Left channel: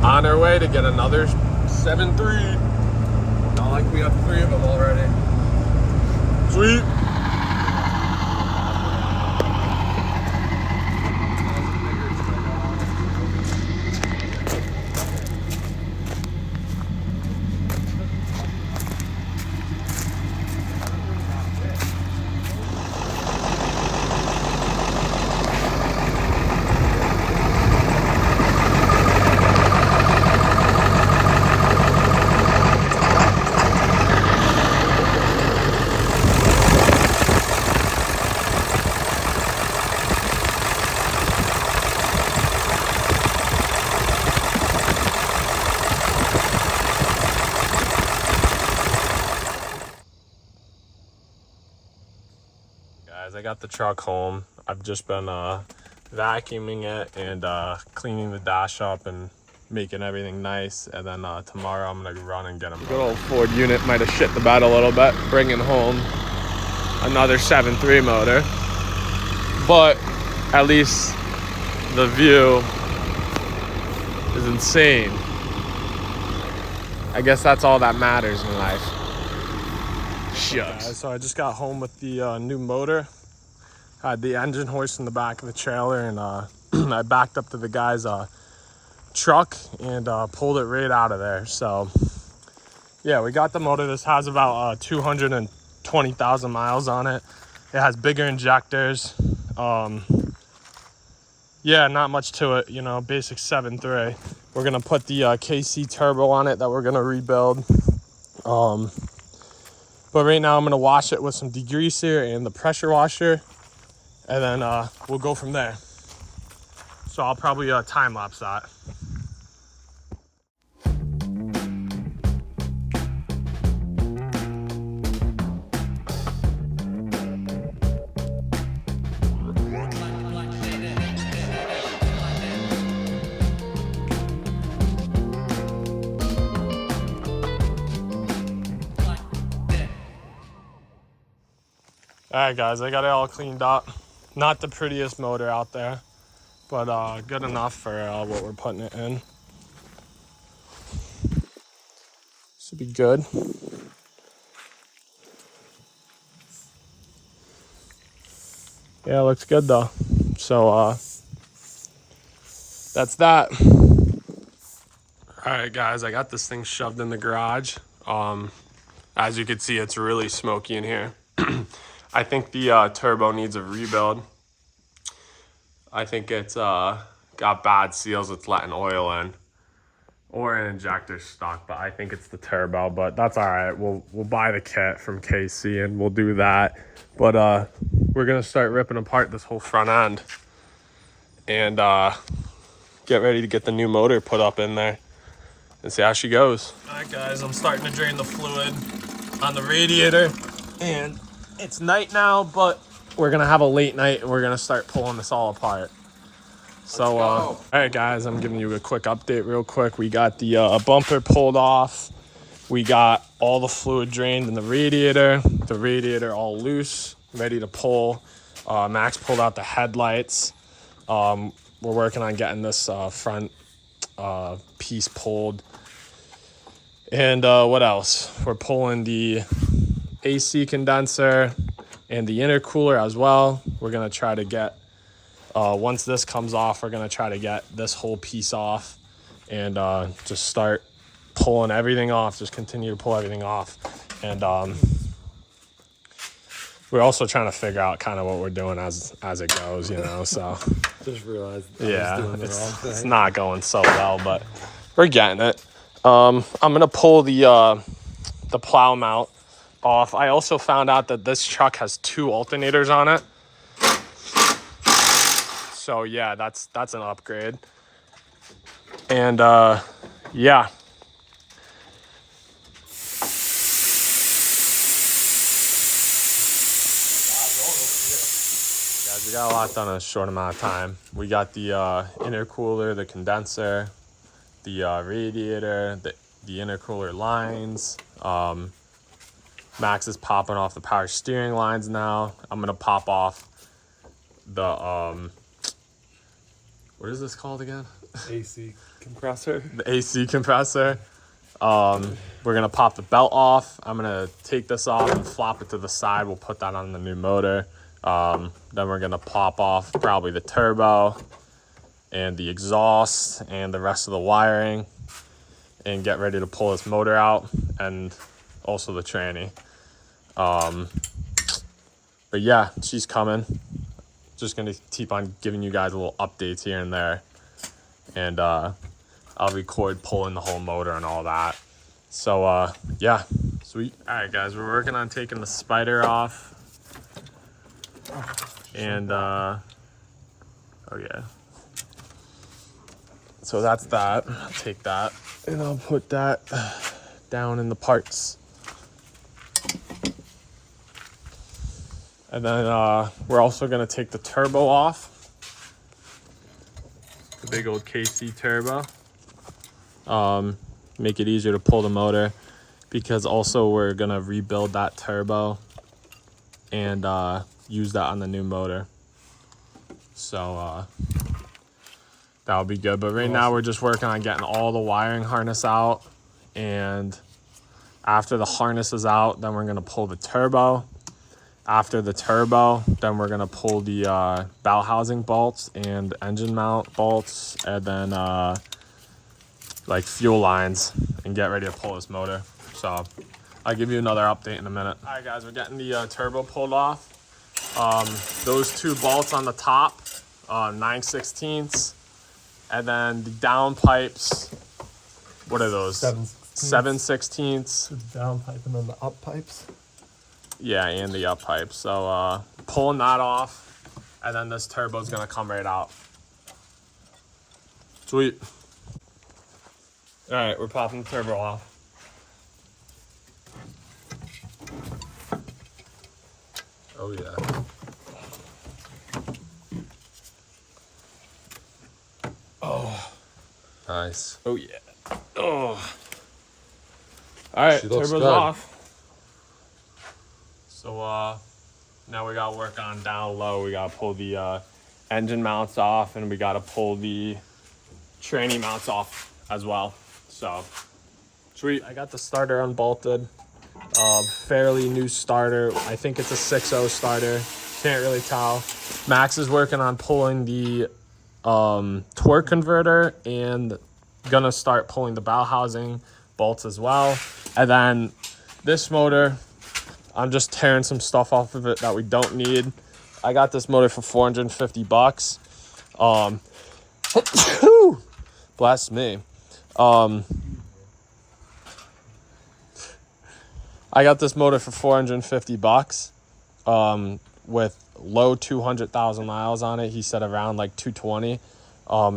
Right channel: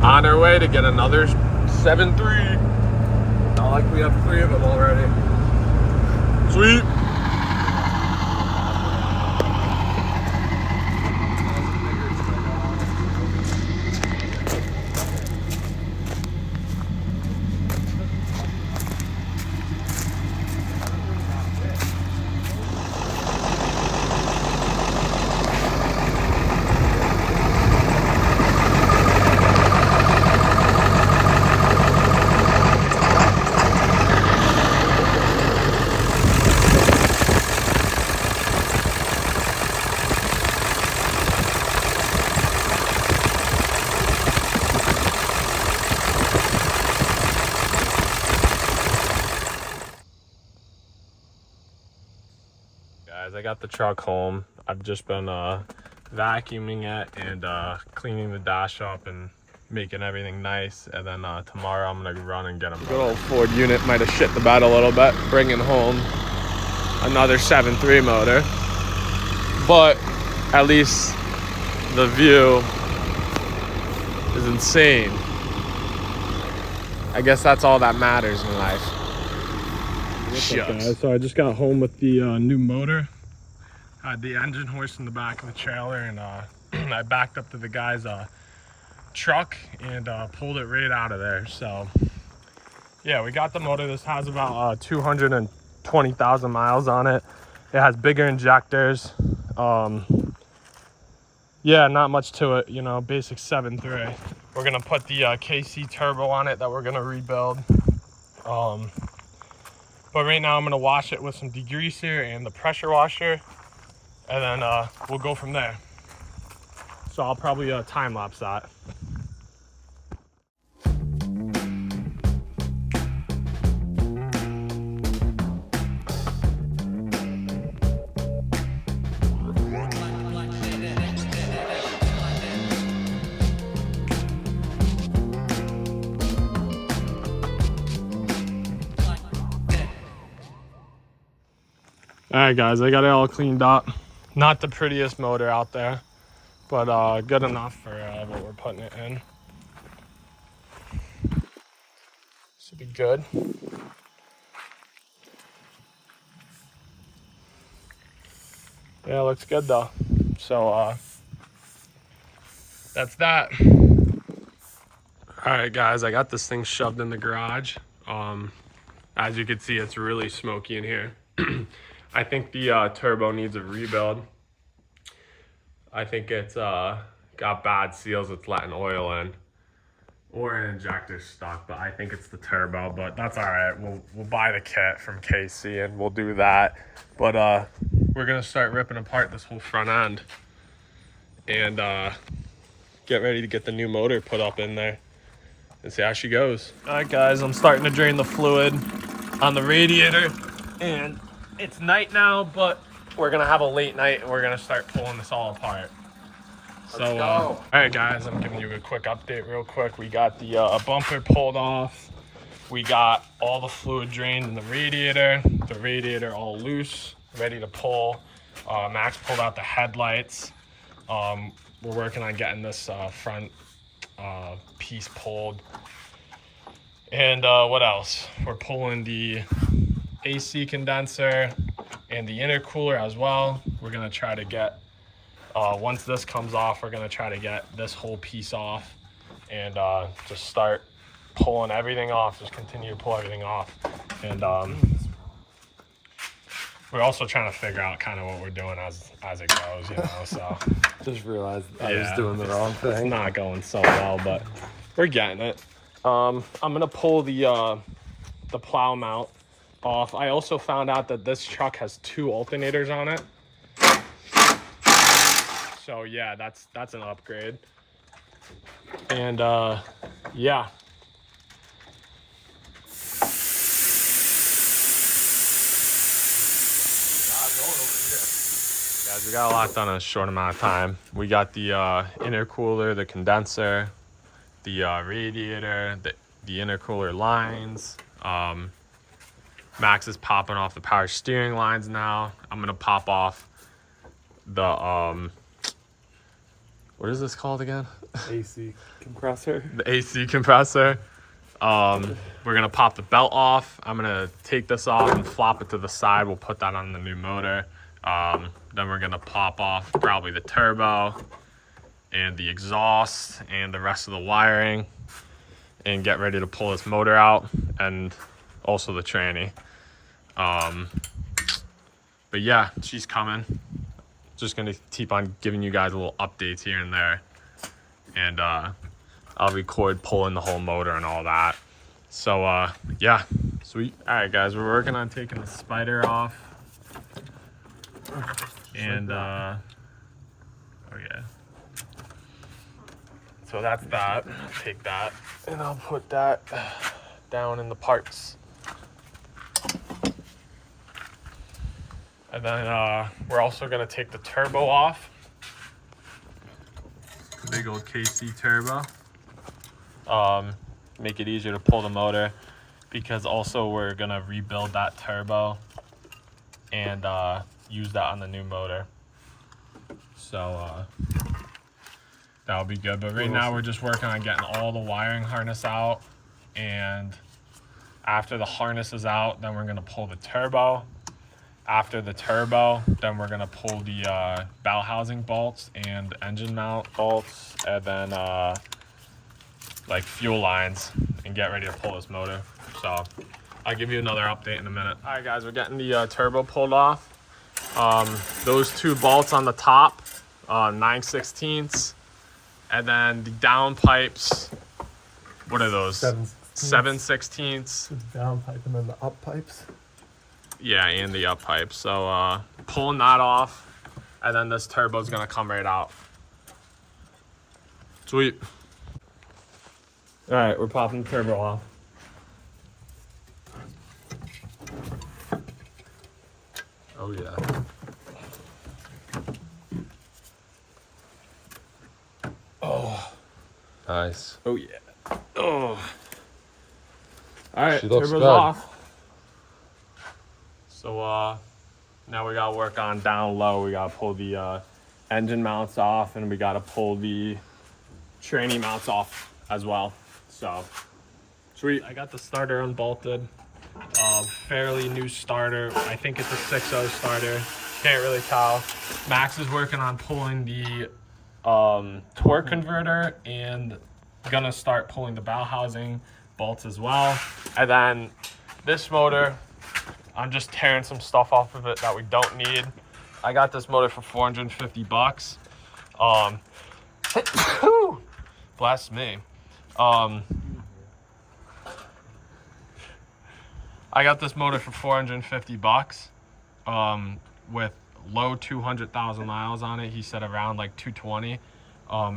On our way to get another 7.3. Not like we have 3 of them already. Sweet. Guys, I got the truck home. I've just been vacuuming it and cleaning the dash up and making everything nice. And then tomorrow I'm gonna run and get them. Good old Ford unit might have shit the bed a little bit, bringing home another 7.3 motor. But at least the view is insane. I guess that's all that matters in life. Shucks. So I just got home with the new motor. Had the engine hoist in the back of the trailer, and I backed up to the guy's truck and pulled it right out of there. So yeah, we got the motor. This has about 220,000 miles on it. It has bigger injectors. Yeah, not much to it, you know, basic 7.3. We're gonna put the KC turbo on it that we're gonna rebuild. But right now I'm gonna wash it with some degreaser and the pressure washer, and then we'll go from there. So I'll probably time lapse that. All right, guys, I got it all cleaned up. Not the prettiest motor out there, but good enough for what we're putting it in. Should be good. Yeah, it looks good though. So that's that. All right, guys, I got this thing shoved in the garage. As you can see, it's really smoky in here. I think the turbo needs a rebuild. I think it's got bad seals. It's letting oil in, or an injector stuck. But I think it's the turbo. But that's all right. We'll buy the kit from KC and we'll do that. But we're gonna start ripping apart this whole front end and get ready to get the new motor put up in there and see how she goes. All right, guys, I'm starting to drain the fluid on the radiator, and it's night now, but we're gonna have a late night and we're gonna start pulling this all apart. So all right, guys, I'm giving you a quick update real quick. We got the bumper pulled off. We got all the fluid drained in the radiator all loose, ready to pull. Max pulled out the headlights. We're working on getting this front piece pulled. And what else? We're pulling the AC condenser and the intercooler as well. We're gonna try to get, once this comes off, we're gonna try to get this whole piece off and just start pulling everything off, just continue to pull everything off. And we're also trying to figure out kind of what we're doing as it goes, you know, so. Just realized I was doing the wrong thing. It's not going so well, but we're getting it. I'm gonna pull the plow mount off. I also found out that this truck has 2 alternators on it. So yeah, that's an upgrade. And yeah. Guys, we got a lot done in a short amount of time. We got the intercooler, the condenser, the radiator, the intercooler lines. Max is popping off the power steering lines now. I'm gonna pop off the what is this called again? AC compressor. The AC compressor. We're gonna pop the belt off. I'm gonna take this off and flop it to the side. We'll put that on the new motor. Then we're gonna pop off probably the turbo and the exhaust and the rest of the wiring and get ready to pull this motor out and also the tranny. But yeah, she's coming. Just gonna keep on giving you guys a little updates here and there. And I'll record pulling the whole motor and all that. So yeah, sweet. All right guys, we're working on taking the spider off. And oh yeah. So that's that. I'll take that and I'll put that down in the parts. And then we're also gonna take the turbo off. The big old KC turbo. Make it easier to pull the motor, because also we're gonna rebuild that turbo and use that on the new motor. So that'll be good. But right now we're just working on getting all the wiring harness out, and after the harness is out, then we're gonna pull the turbo. After the turbo, then we're gonna pull the bow housing bolts and engine mount bolts, and then like fuel lines, and get ready to pull this motor. So I'll give you another update in a minute. All right guys, we're getting the turbo pulled off. Those two bolts on the top, 9/16, and then the down pipes, what are those? 7/16. The down pipe and then the up pipes. Yeah, and the up pipe. So pulling that off, and then this turbo is gonna come right out. Sweet. All right, we're popping the turbo off. Oh yeah. Oh, Nice. oh yeah. Oh. All right, She looks turbo's good. off. So now we gotta work on down low. We gotta pull the engine mounts off, and we gotta pull the tranny mounts off as well. So sweet. I got the starter unbolted. Fairly new starter. I think it's a 6.0 starter. Can't really tell. Max is working on pulling the torque converter and gonna start pulling the bow housing bolts as well. And then this motor, I'm just tearing some stuff off of it that we don't need. I got this motor for $450. Bless me. I got this motor for $450 with low 200,000 miles on it. He said around like 220.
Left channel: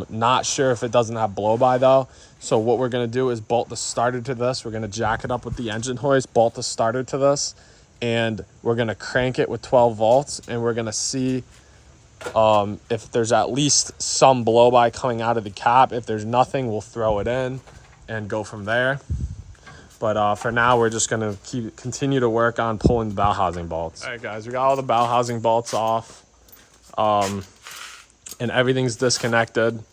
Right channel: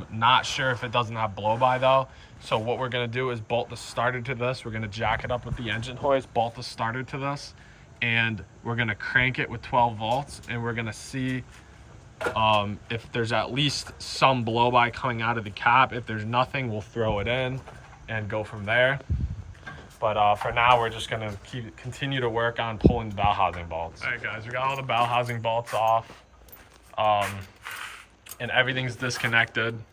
Not sure if it doesn't have blow by though. So what we're gonna do is bolt the starter to this. We're gonna jack it up with the engine hoist, bolt the starter to this, and we're gonna crank it with 12 volts, and we're gonna see if there's at least some blow by coming out of the cap. If there's nothing, we'll throw it in and go from there. But for now, we're just gonna continue to work on pulling the bow housing bolts. All right, guys, we got all the bow housing bolts off, and everything's disconnected.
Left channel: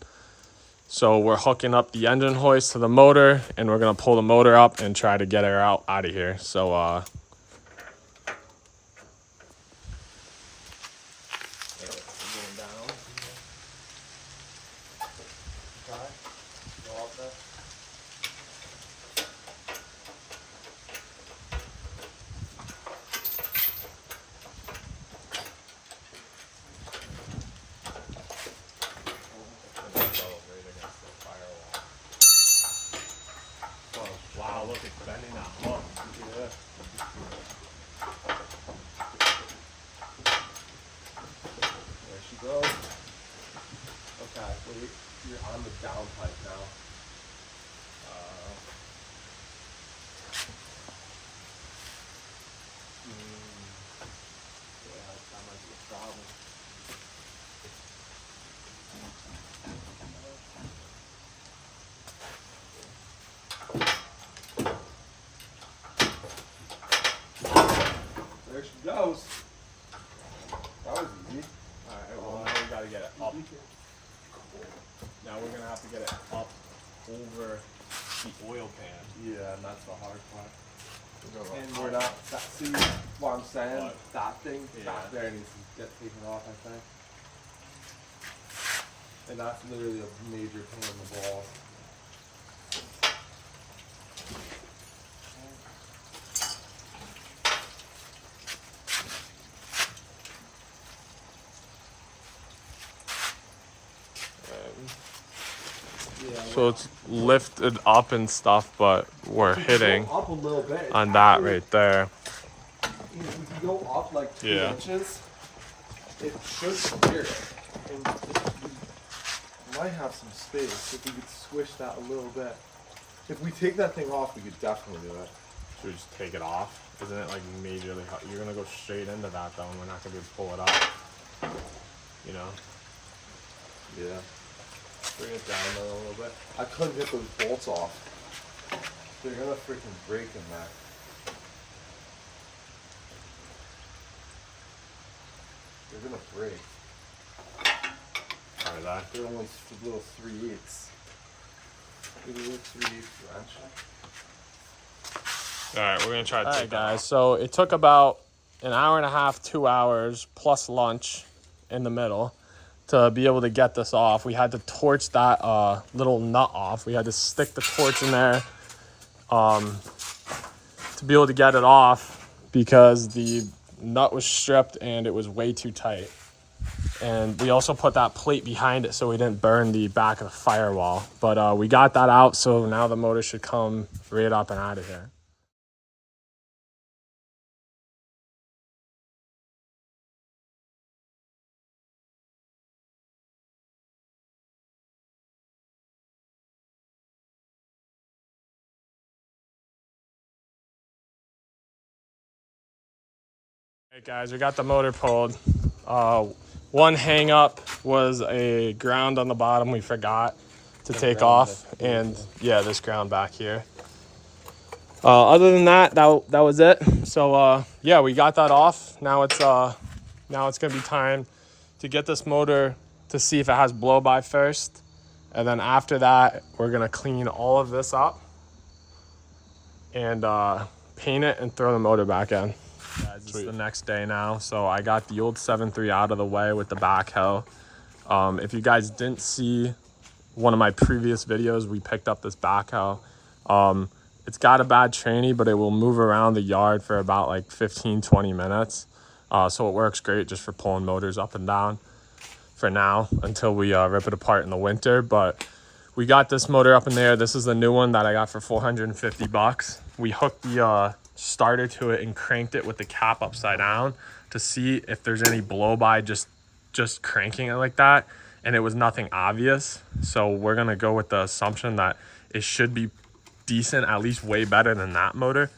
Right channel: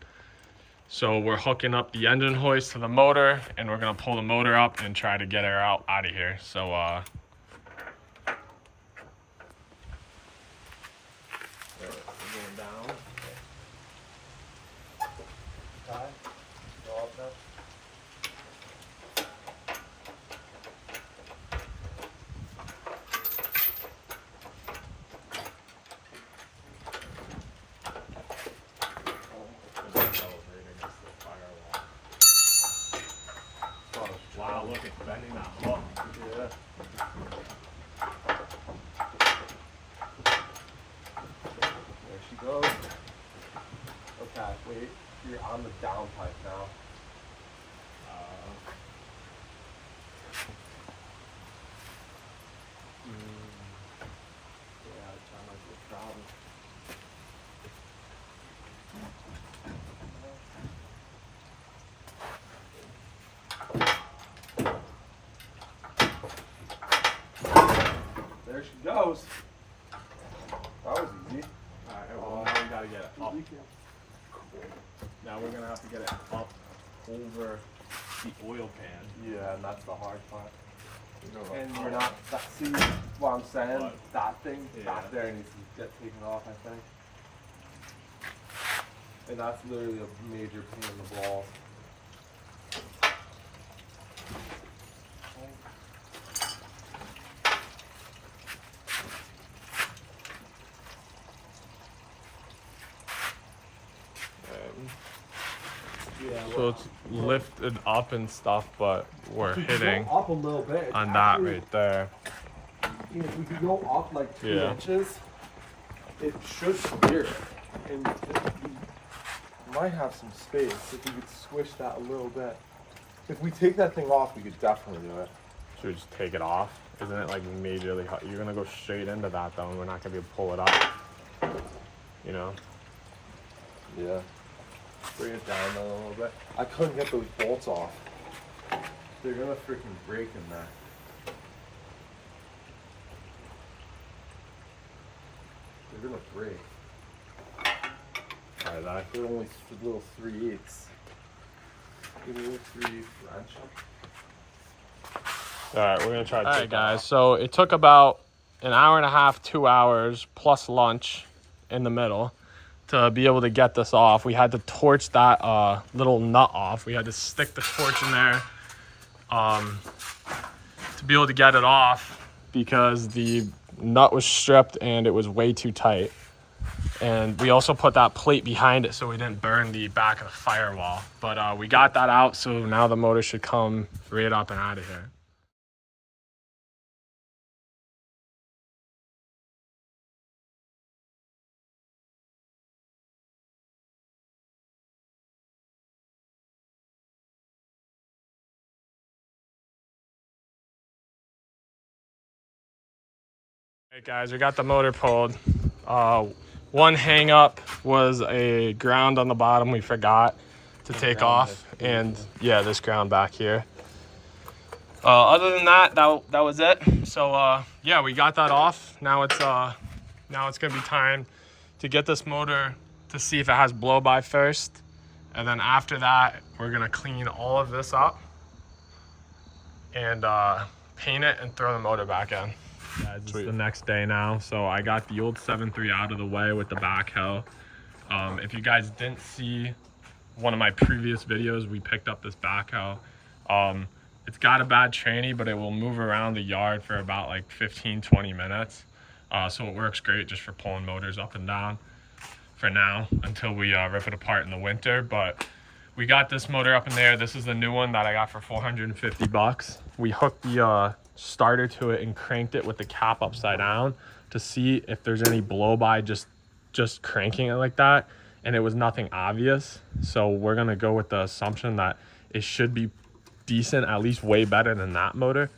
So we're hooking up the engine hoist to the motor, and we're gonna pull the motor up and try to get her out of here. So going down. Okay. Go out there. Wow, look, it's bending that hook. Yeah. There she goes. Okay, wait. You're on the down pipe now. Yeah, that might be a problem. There she goes. That was easy. All right, well, now we gotta get it up. Now we're gonna have to get it up over the oil pan. Yeah, and that's the hard part. And Oh, we're not, see what I'm saying? What? That thing Yeah. back there needs to get taken off, I think. And that's literally a major pain in the balls. Yeah, So it's lifted up and stuff, but we're hitting up a little bit on that right there. If we could go up like 2 Yeah. inches, it should steer it. And we might have some space if we could swish that a little bit. If we take that thing off, we could definitely do it. Should we just take it off? Isn't it like majorly hot? You're gonna go straight into that though, and we're not gonna be able to pull it up. You know? Yeah. Bring it down a little bit. I couldn't get those bolts off. They're gonna freaking break in that. They're gonna break. Are they? They're only little 3/8. Give me a little 3/8 wrench. All right, we're gonna try to take guys. So it took about an hour and a half, 2 hours plus lunch in the middle to be able to get this off. We had to torch that little nut off. We had to stick the torch in there to be able to get it off because the nut was stripped and it was way too tight. And we also put that plate behind it so we didn't burn the back of the firewall. But we got that out, so now the motor should come right up and out of here. Hey guys, we got the motor pulled. One hang up was a ground on the bottom we forgot to take off, and yeah, this ground back here. Other than that was it. So yeah, we got that off. Now it's gonna be time to get this motor to see if it has blow by first, and then after that we're gonna clean all of this up and paint it and throw the motor back in. Guys, it's the next day now, so I got the old 7.3 out of the way with the backhoe. If you guys didn't see one of my previous videos, we picked up this backhoe. It's got a bad tranny, but it will move around the yard for about like 15-20 minutes. So it works great just for pulling motors up and down for now until we rip it apart in the winter. But we got this motor up in there. This is the new one that I got for 450 bucks. We hooked the starter to it and cranked it with the cap upside down to see if there's any blow by just cranking it like that, and it was nothing obvious. So we're gonna go with the assumption that it should be decent, at least way better than that motor.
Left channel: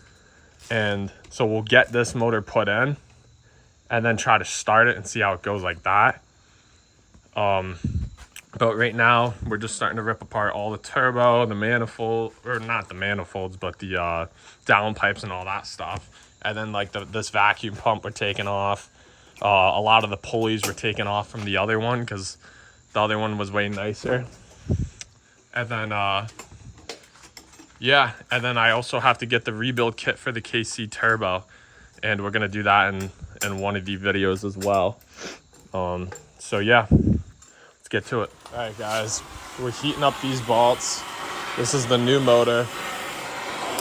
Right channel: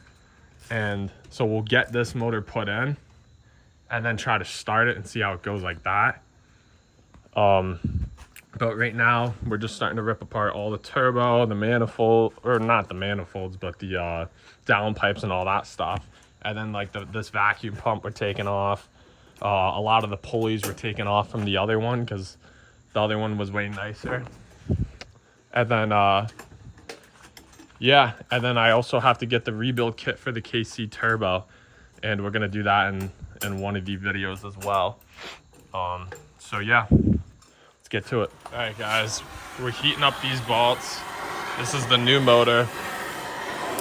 And so we'll get this motor put in and then try to start it and see how it goes like that. But right now we're just starting to rip apart all the turbo, the manifold, or not the manifolds, but the downpipes and all that stuff. And then like this vacuum pump we're taking off. A lot of the pulleys were taken off from the other one because the other one was way nicer. And then yeah, and then I also have to get the rebuild kit for the KC turbo, and we're gonna do that in one of the videos as well. So yeah, let's get to it. All right guys, we're heating up these bolts. This is the new motor.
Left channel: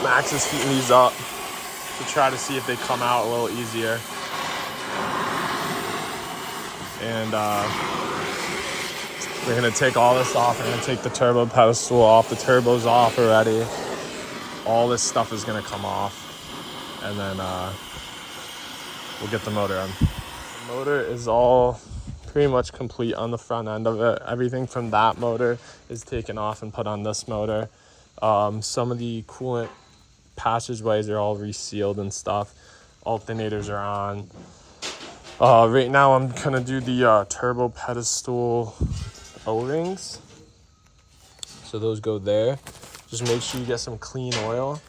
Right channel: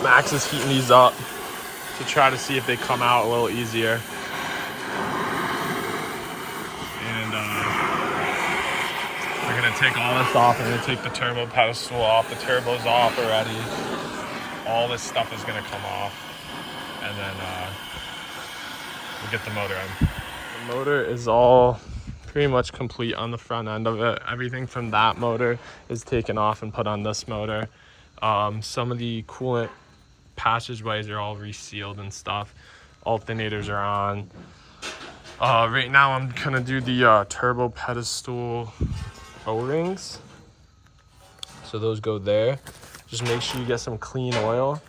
Max is heating these up to try to see if they come out a little easier. And we're gonna take all this off. We're gonna take the turbo pedestal off. The turbo's off already. All this stuff is gonna come off, and then we'll get the motor in. The motor is all pretty much complete on the front end of it. Everything from that motor is taken off and put on this motor. Some of the coolant passageways are all resealed and stuff. Alternators are on. Right now I'm gonna do the turbo pedestal O-rings. So those go there. Just make sure you get some clean oil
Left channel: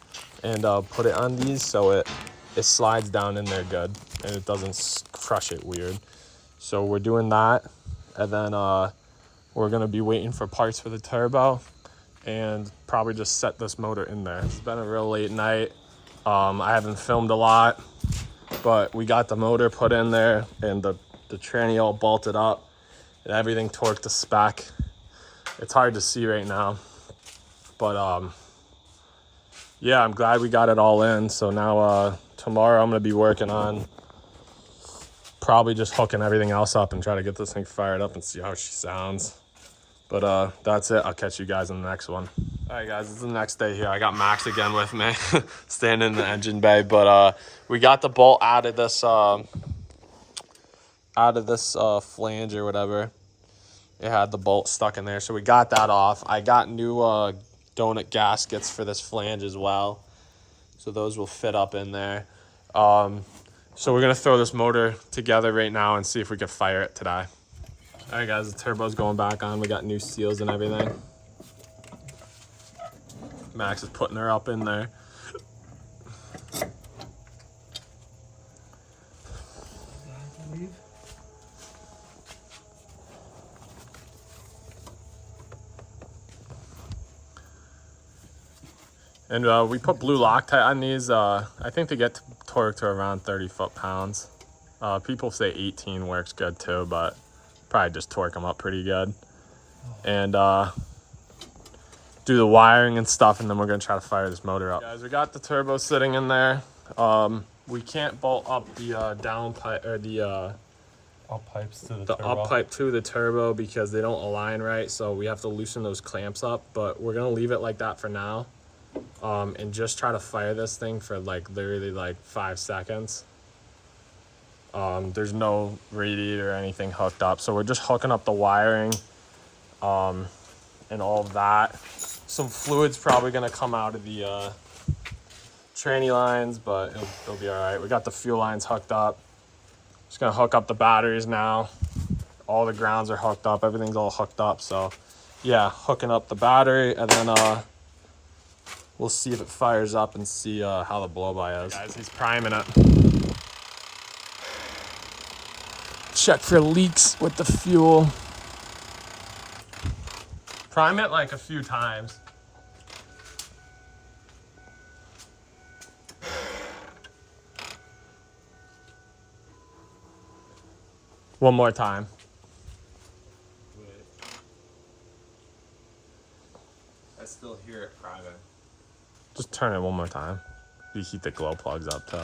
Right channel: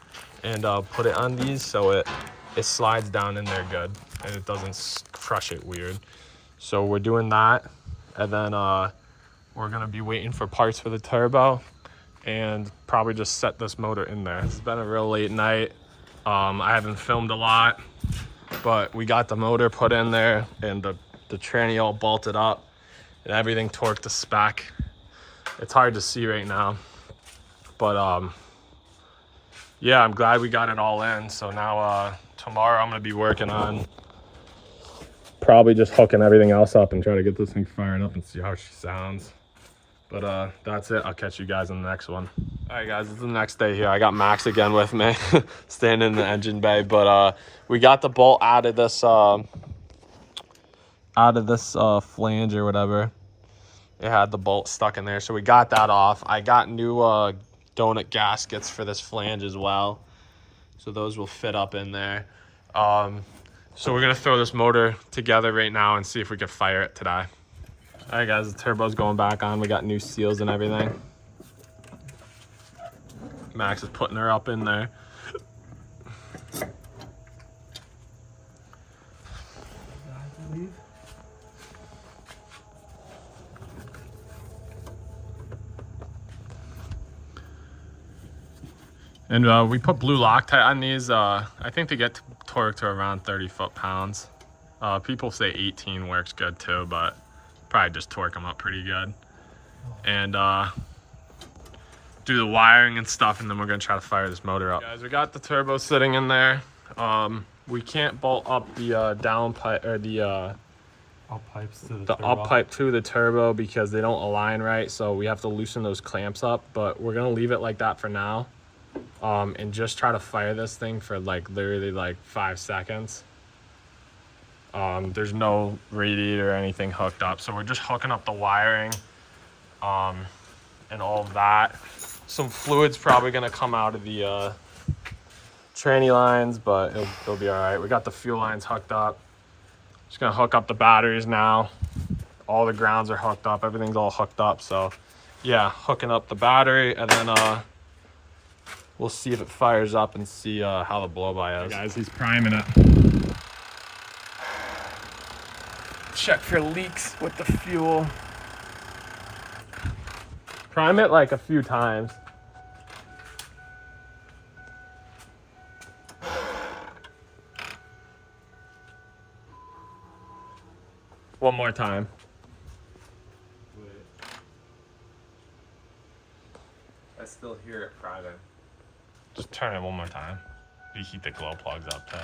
and put it on these so it slides down in there good and it doesn't crush it weird. So we're doing that, and then we're gonna be waiting for parts for the turbo and probably just set this motor in there. It's been a real late night. I haven't filmed a lot, but we got the motor put in there and the tranny all bolted up and everything torqued to spec. It's hard to see right now, but yeah, I'm glad we got it all in. So now tomorrow I'm gonna be working on probably just hooking everything else up and try to get this thing fired up and see how she sounds. But that's it. I'll catch you guys in the next one. All right, guys, this is the next day here. I got Max again with me, standing in the engine bay. But we got the bolt out of this flange or whatever. It had the bolt stuck in there, so we got that off. I got new donut gaskets for this flange as well, so those will fit up in there. So we're gonna throw this motor together right now and see if we can fire it today. All right, guys, the turbo's going back on. We got new seals and everything. Max is putting her up in there. And we put blue Loctite on these. I think they get torqued to around 30 foot-pounds. People say 18 works good too, but probably just torque them up pretty good. And do the wiring and stuff, and then we're gonna try to fire this motor up. Guys, we got the turbo sitting in there. We can't bolt up the down pipe or the up pipes to the turbo. up pipe to the turbo because they don't align right. So we have to loosen those clamps up. But we're gonna leave it like that for now, and just try to fire this thing for like literally like 5 seconds. There's no radiator or anything hooked up, so we're just hooking up the wiring, and all that. Some fluid's probably gonna come out of the tranny lines, but it'll be all right. We got the fuel lines hooked up. Just gonna hook up the batteries now. All the grounds are hooked up. Everything's all hooked up. So yeah, hooking up the battery, and then we'll see if it fires up and see how the blow-by is. Hey guys, he's priming it. Check for leaks with the fuel. Prime it like a few times. One more time. I still hear it priming. Just turn it one more time. You keep the glow plugs up too.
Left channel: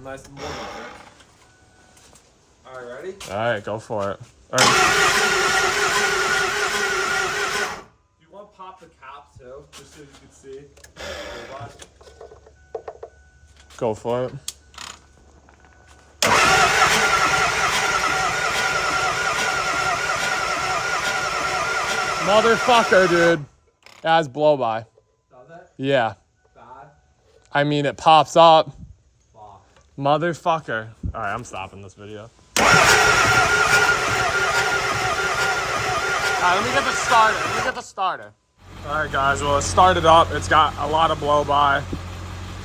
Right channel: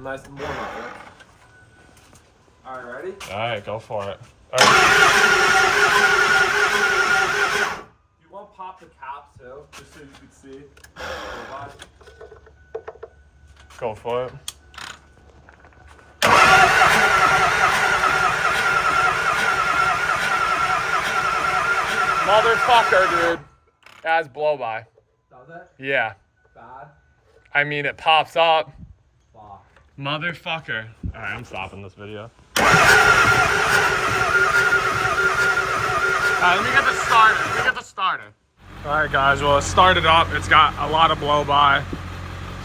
Nice and warm up there. All right, ready? All right, go for it. All right. You want to pop the cap too, just so you can see? Go for it. Motherfucker, dude. That's blow by. Does it? Yeah. Bad? I mean, it pops up. Fuck. Motherfucker. All right, I'm stopping this video. All right, let me get the starter. All right, guys, well, it started up. It's got a lot of blow-by.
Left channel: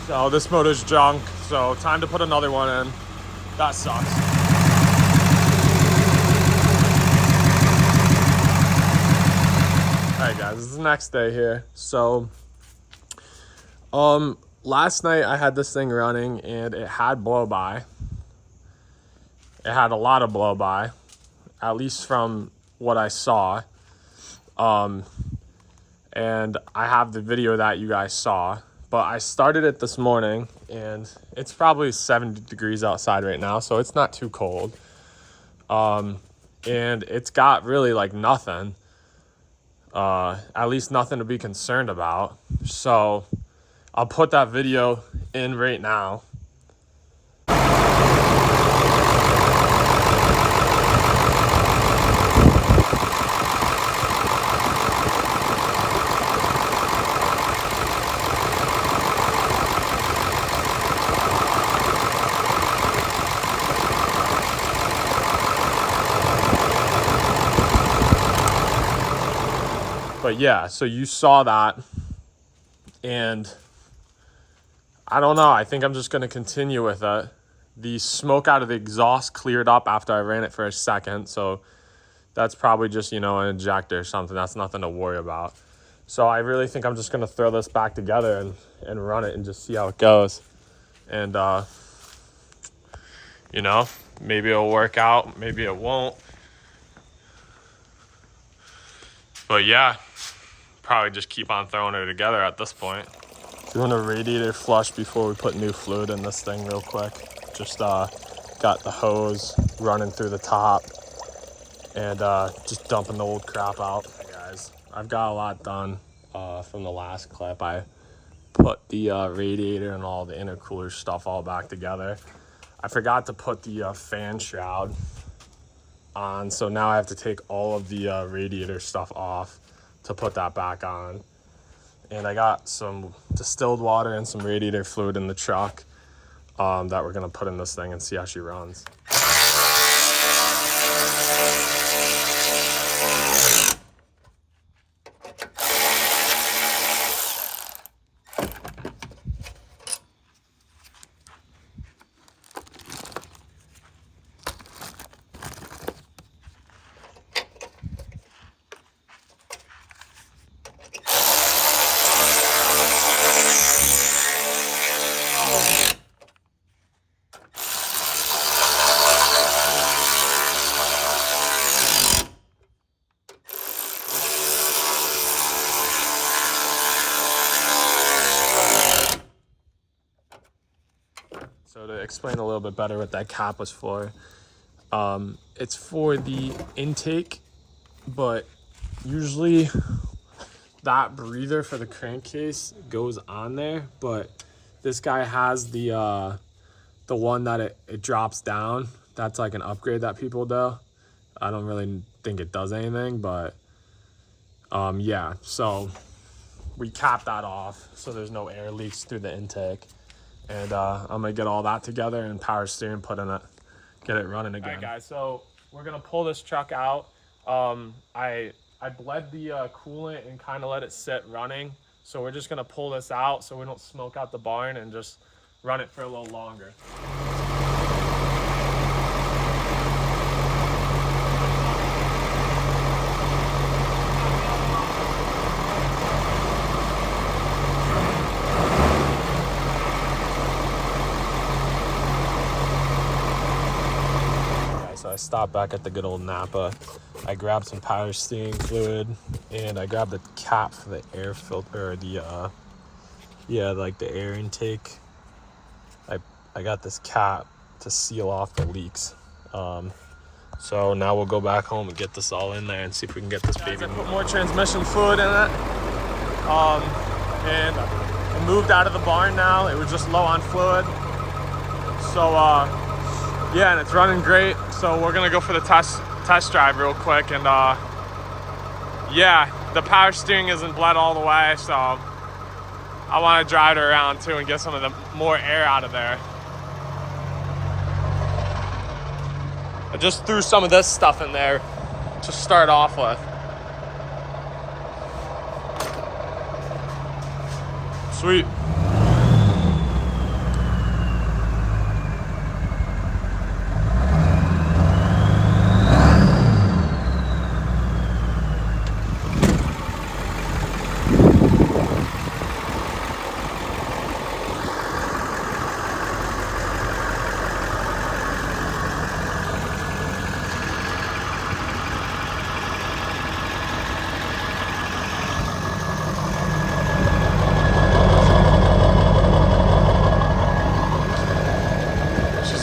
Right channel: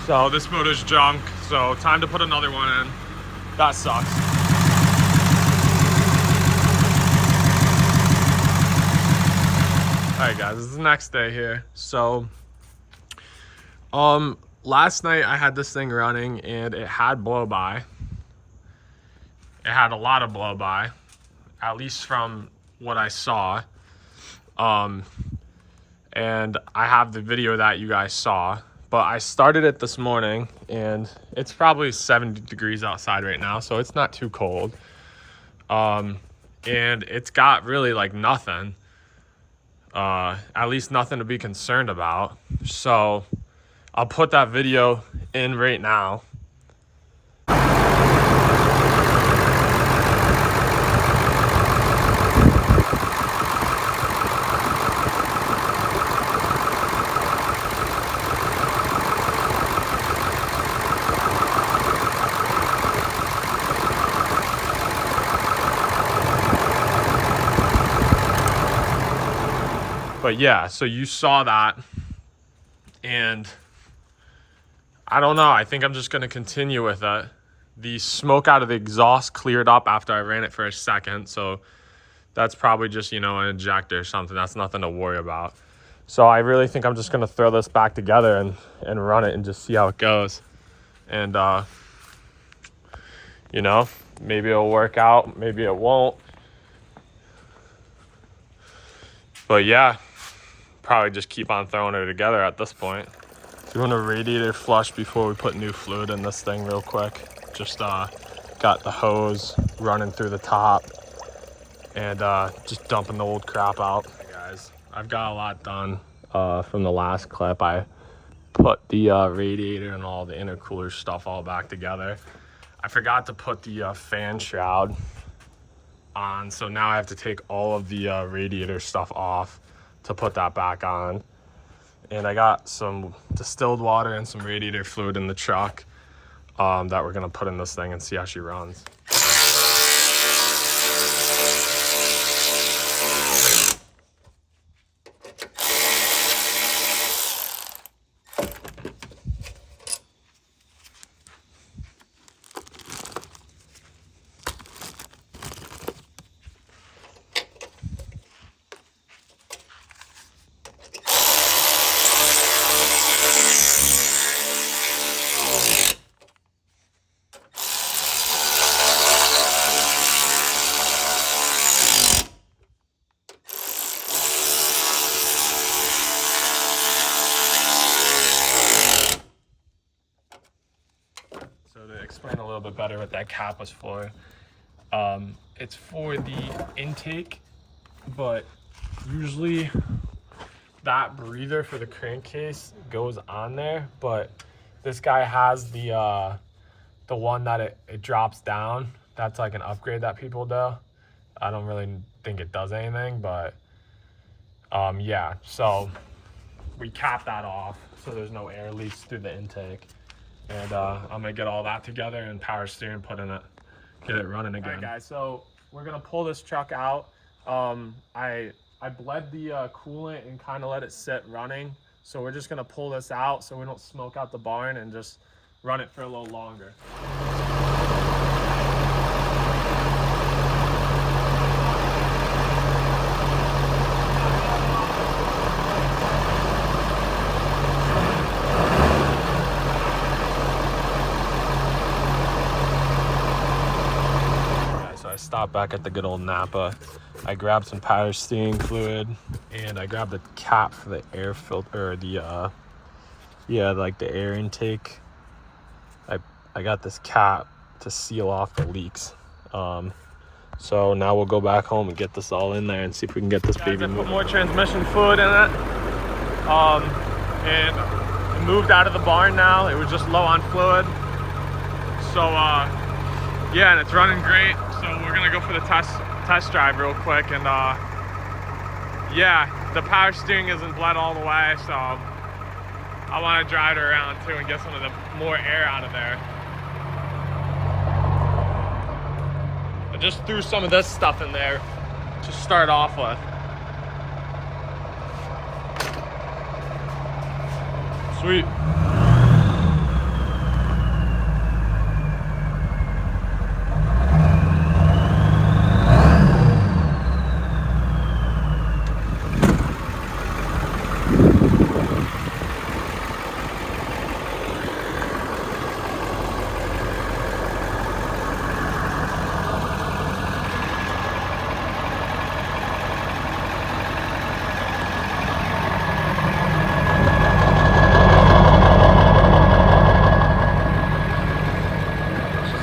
So this motor's junk. So time to put another one in. That sucks. All right, guys, this is the next day here. So, last night I had this thing running and it had blow-by. It had a lot of blow-by, at least from what I saw. And I have the video that you guys saw, but I started it this morning and it's probably 70 degrees outside right now, so it's not too cold. And it's got really like nothing, at least nothing to be concerned about. So I'll put that video in right now. But yeah, so you saw that, and I don't know. I think I'm just going to continue with it. The smoke out of the exhaust cleared up after I ran it for a second, so That's probably just, you know, an ejector or something. That's nothing to worry about. So I really think I'm just going to throw this back together and run it and just see how it goes. And, you know, maybe it'll work out. Maybe it won't. But yeah, probably just keep on throwing her together at this point. Doing a radiator flush before we put new fluid in this thing real quick. Just got the hose running through the top and just dumping the old crap out. Hey guys, I've got a lot done from the last clip. I put the radiator and all the intercooler stuff all back together. I forgot to put the fan shroud on, so now I have to take all of the radiator stuff off to put that back on. And I got some distilled water and some radiator fluid in the truck that we're gonna put in this thing and see how she runs. So to explain a little bit better what that cap was for, it's for the intake, but usually that breather for the crankcase goes on there, but this guy has the one that it drops down. That's like an upgrade that people do. I don't really think it does anything, but yeah, so we cap that off so there's no air leaks through the intake. And I'm gonna get all that together and power steering put in it, get it running again. All right, guys, so we're gonna pull this truck out. I bled the coolant and kind of let it sit running. So we're just gonna pull this out so we don't smoke out the barn and just run it for a little longer. Stop back at the good old Napa. I grabbed some power steering fluid and I grabbed the cap for the air filter, or the like the air intake. I got this cap to seal off the leaks. So now we'll go back home and get this all in there and see if we can get this baby moving. Put more transmission fluid in it. And it moved out of the barn now. It was just low on fluid. So yeah, and it's running great. So we're gonna go for the test drive real quick, and yeah, the power steering isn't bled all the way, so I want to drive it around too and get some of the more air out of there. I just threw some of this stuff in there to start off with. Sweet.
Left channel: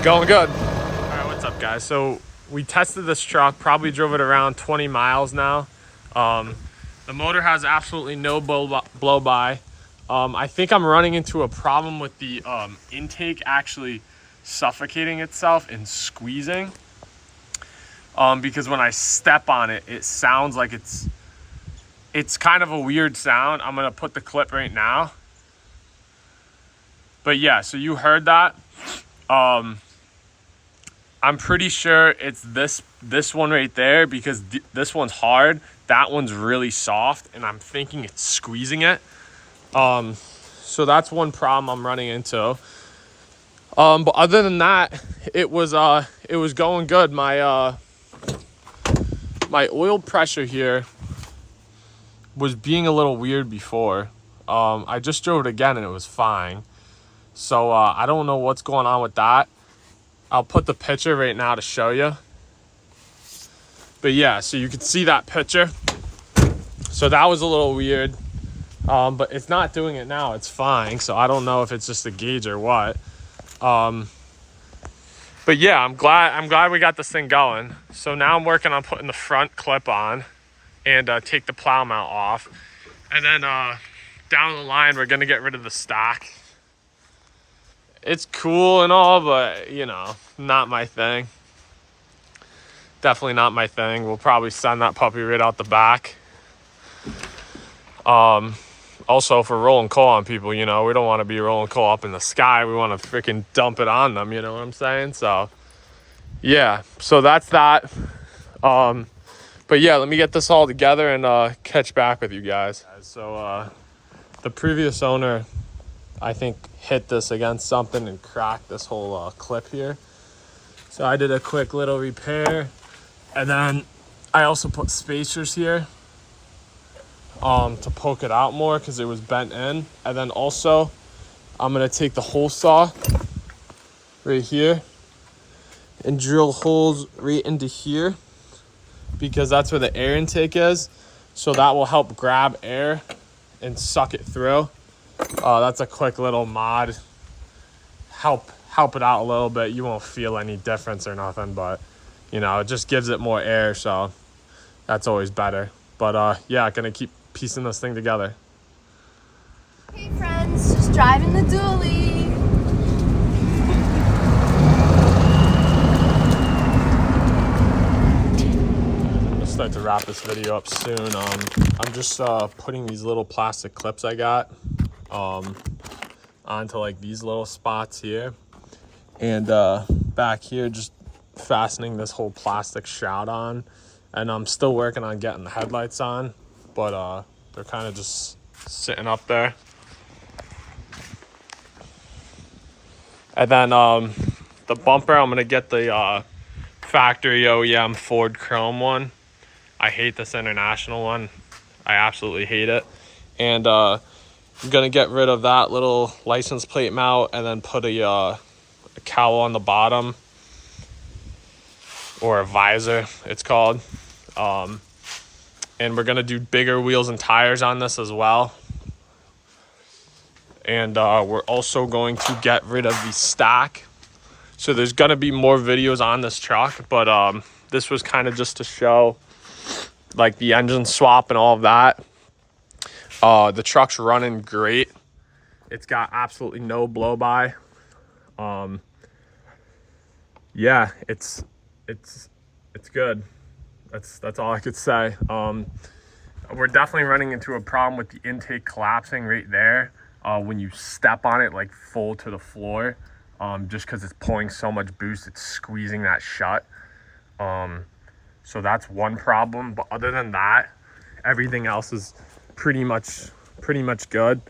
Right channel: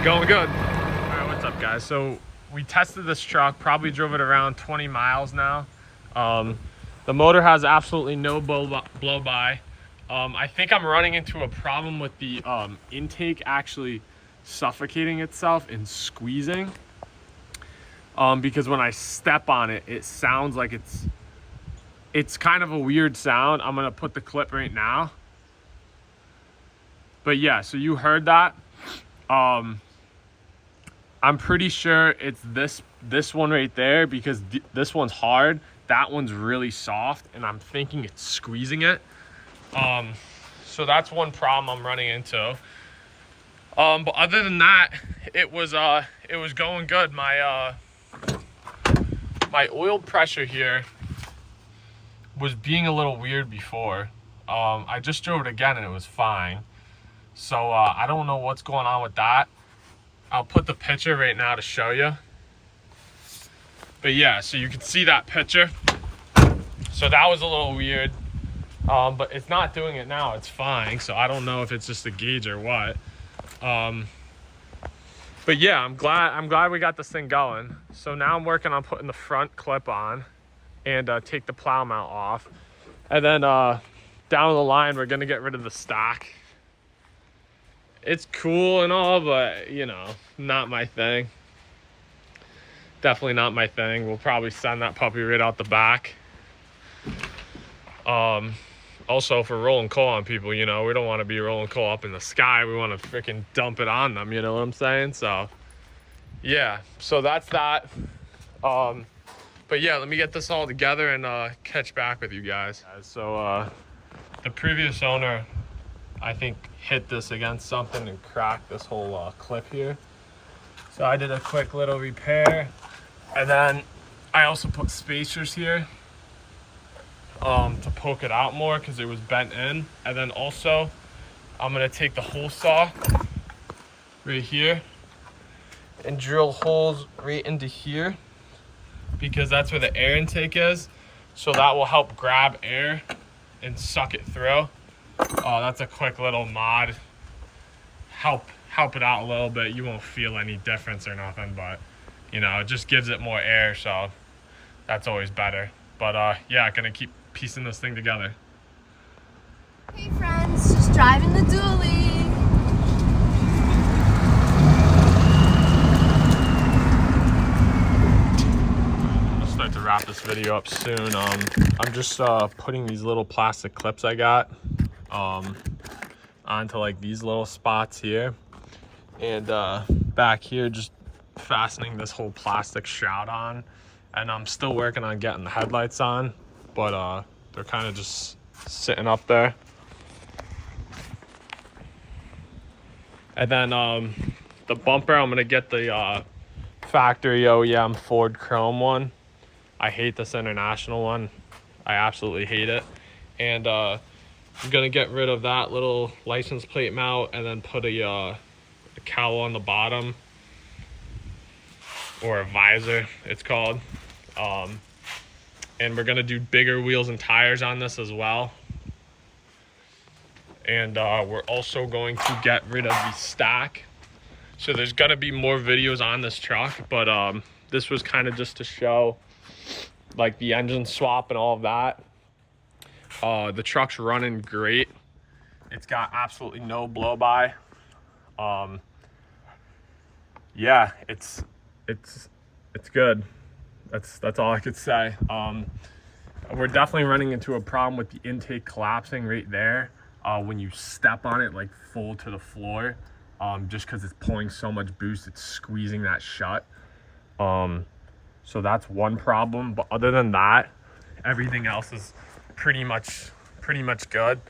Going good. All right, what's up, guys? So we tested this truck, probably drove it around 20 miles now. The motor has absolutely no blow by. I think I'm running into a problem with the intake actually suffocating itself and squeezing. Because when I step on it, it sounds like it's kind of a weird sound. I'm gonna put the clip right now. But yeah, so you heard that. I'm pretty sure it's this one right there, because this one's hard, that one's really soft, and I'm thinking it's squeezing it. So that's one problem I'm running into. But other than that, it was going good. My my oil pressure here was being a little weird before. I just drove it again and it was fine. So I don't know what's going on with that. I'll put the picture right now to show you. But yeah, so you can see that picture. So that was a little weird. But it's not doing it now. It's fine. So I don't know if it's just a gauge or what. But yeah, I'm glad we got this thing going. So now I'm working on putting the front clip on and take the plow mount off. And then down the line, we're gonna get rid of the stock. It's cool and all, but you know, not my thing. Definitely not my thing. We'll probably send that puppy right out the back. Also, for rolling coal on people, you know, we don't want to be rolling coal up in the sky. We want to freaking dump it on them, you know what I'm saying? So, yeah, so that's that. But yeah, let me get this all together and catch back with you guys. So, the previous owner, I think, hit this against something and cracked this whole clip here. So I did a quick little repair. And then I also put spacers here. To poke it out more because it was bent in. And then also I'm gonna take the hole saw right here and drill holes right into here because that's where the air intake is, so that will help grab air and suck it through. That's a quick little mod, help it out a little bit. You won't feel any difference or nothing, but you know, it just gives it more air, so that's always better. But yeah, gonna keep piecing this thing together. Hey friends, just driving the dually. I'm gonna start to wrap this video up soon. I'm just putting these little plastic clips I got onto like these little spots here, and back here just fastening this whole plastic shroud on. And I'm still working on getting the headlights on, but they're kind of just sitting up there. And then the bumper, I'm gonna get the factory OEM Ford Chrome one. I hate this international one. I absolutely hate it. And I'm gonna get rid of that little license plate mount and then put a cowl on the bottom, or a visor it's called. And we're gonna do bigger wheels and tires on this as well. And we're also going to get rid of the stock. So there's gonna be more videos on this truck, but this was kind of just to show like the engine swap and all of that. The truck's running great. It's got absolutely no blow by. Yeah, it's good. That's all I could say. We're definitely running into a problem with the intake collapsing right there when you step on it like full to the floor, just because it's pulling so much boost, it's squeezing that shut. So that's one problem, but other than that, everything else is pretty much good.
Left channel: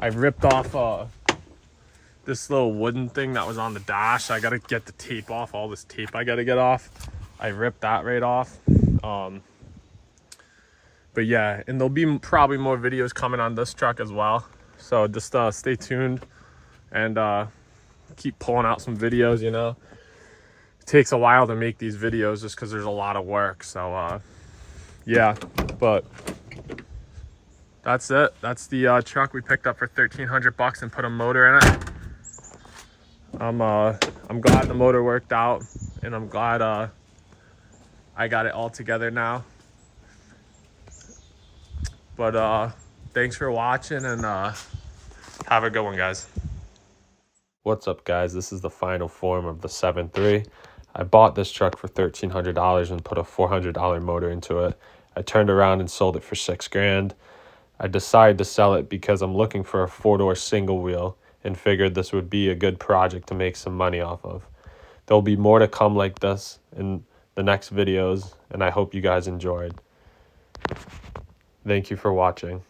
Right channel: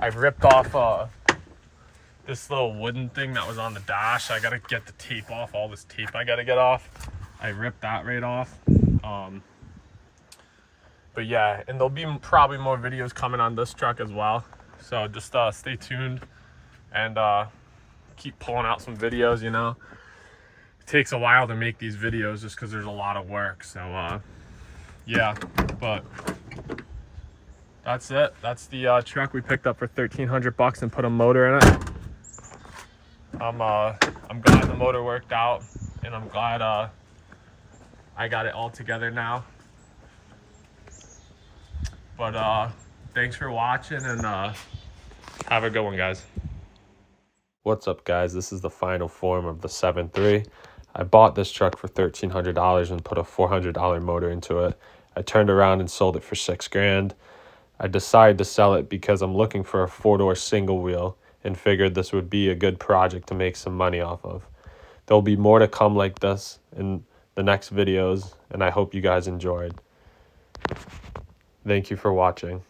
I ripped off this little wooden thing that was on the dash. I gotta get the tape off, all this tape I gotta get off. I ripped that right off. But yeah, and there'll be probably more videos coming on this truck as well. So just stay tuned and keep pulling out some videos, you know. It takes a while to make these videos just because there's a lot of work. So yeah, but that's it. That's the truck we picked up for $1,300 and put a motor in it. I'm glad the motor worked out, and I'm glad I got it all together now. But thanks for watching, and have a good one, guys. What's up, guys? This is the final form of the 7.3. I bought this truck for $1,300 and put a $400 motor into it. I turned around and sold it for $6,000. I decided to sell it because I'm looking for a 4-door single wheel and figured this would be a good project to make some money off of. There'll be more to come like this in the next videos, and I hope you guys enjoyed. Thank you for watching.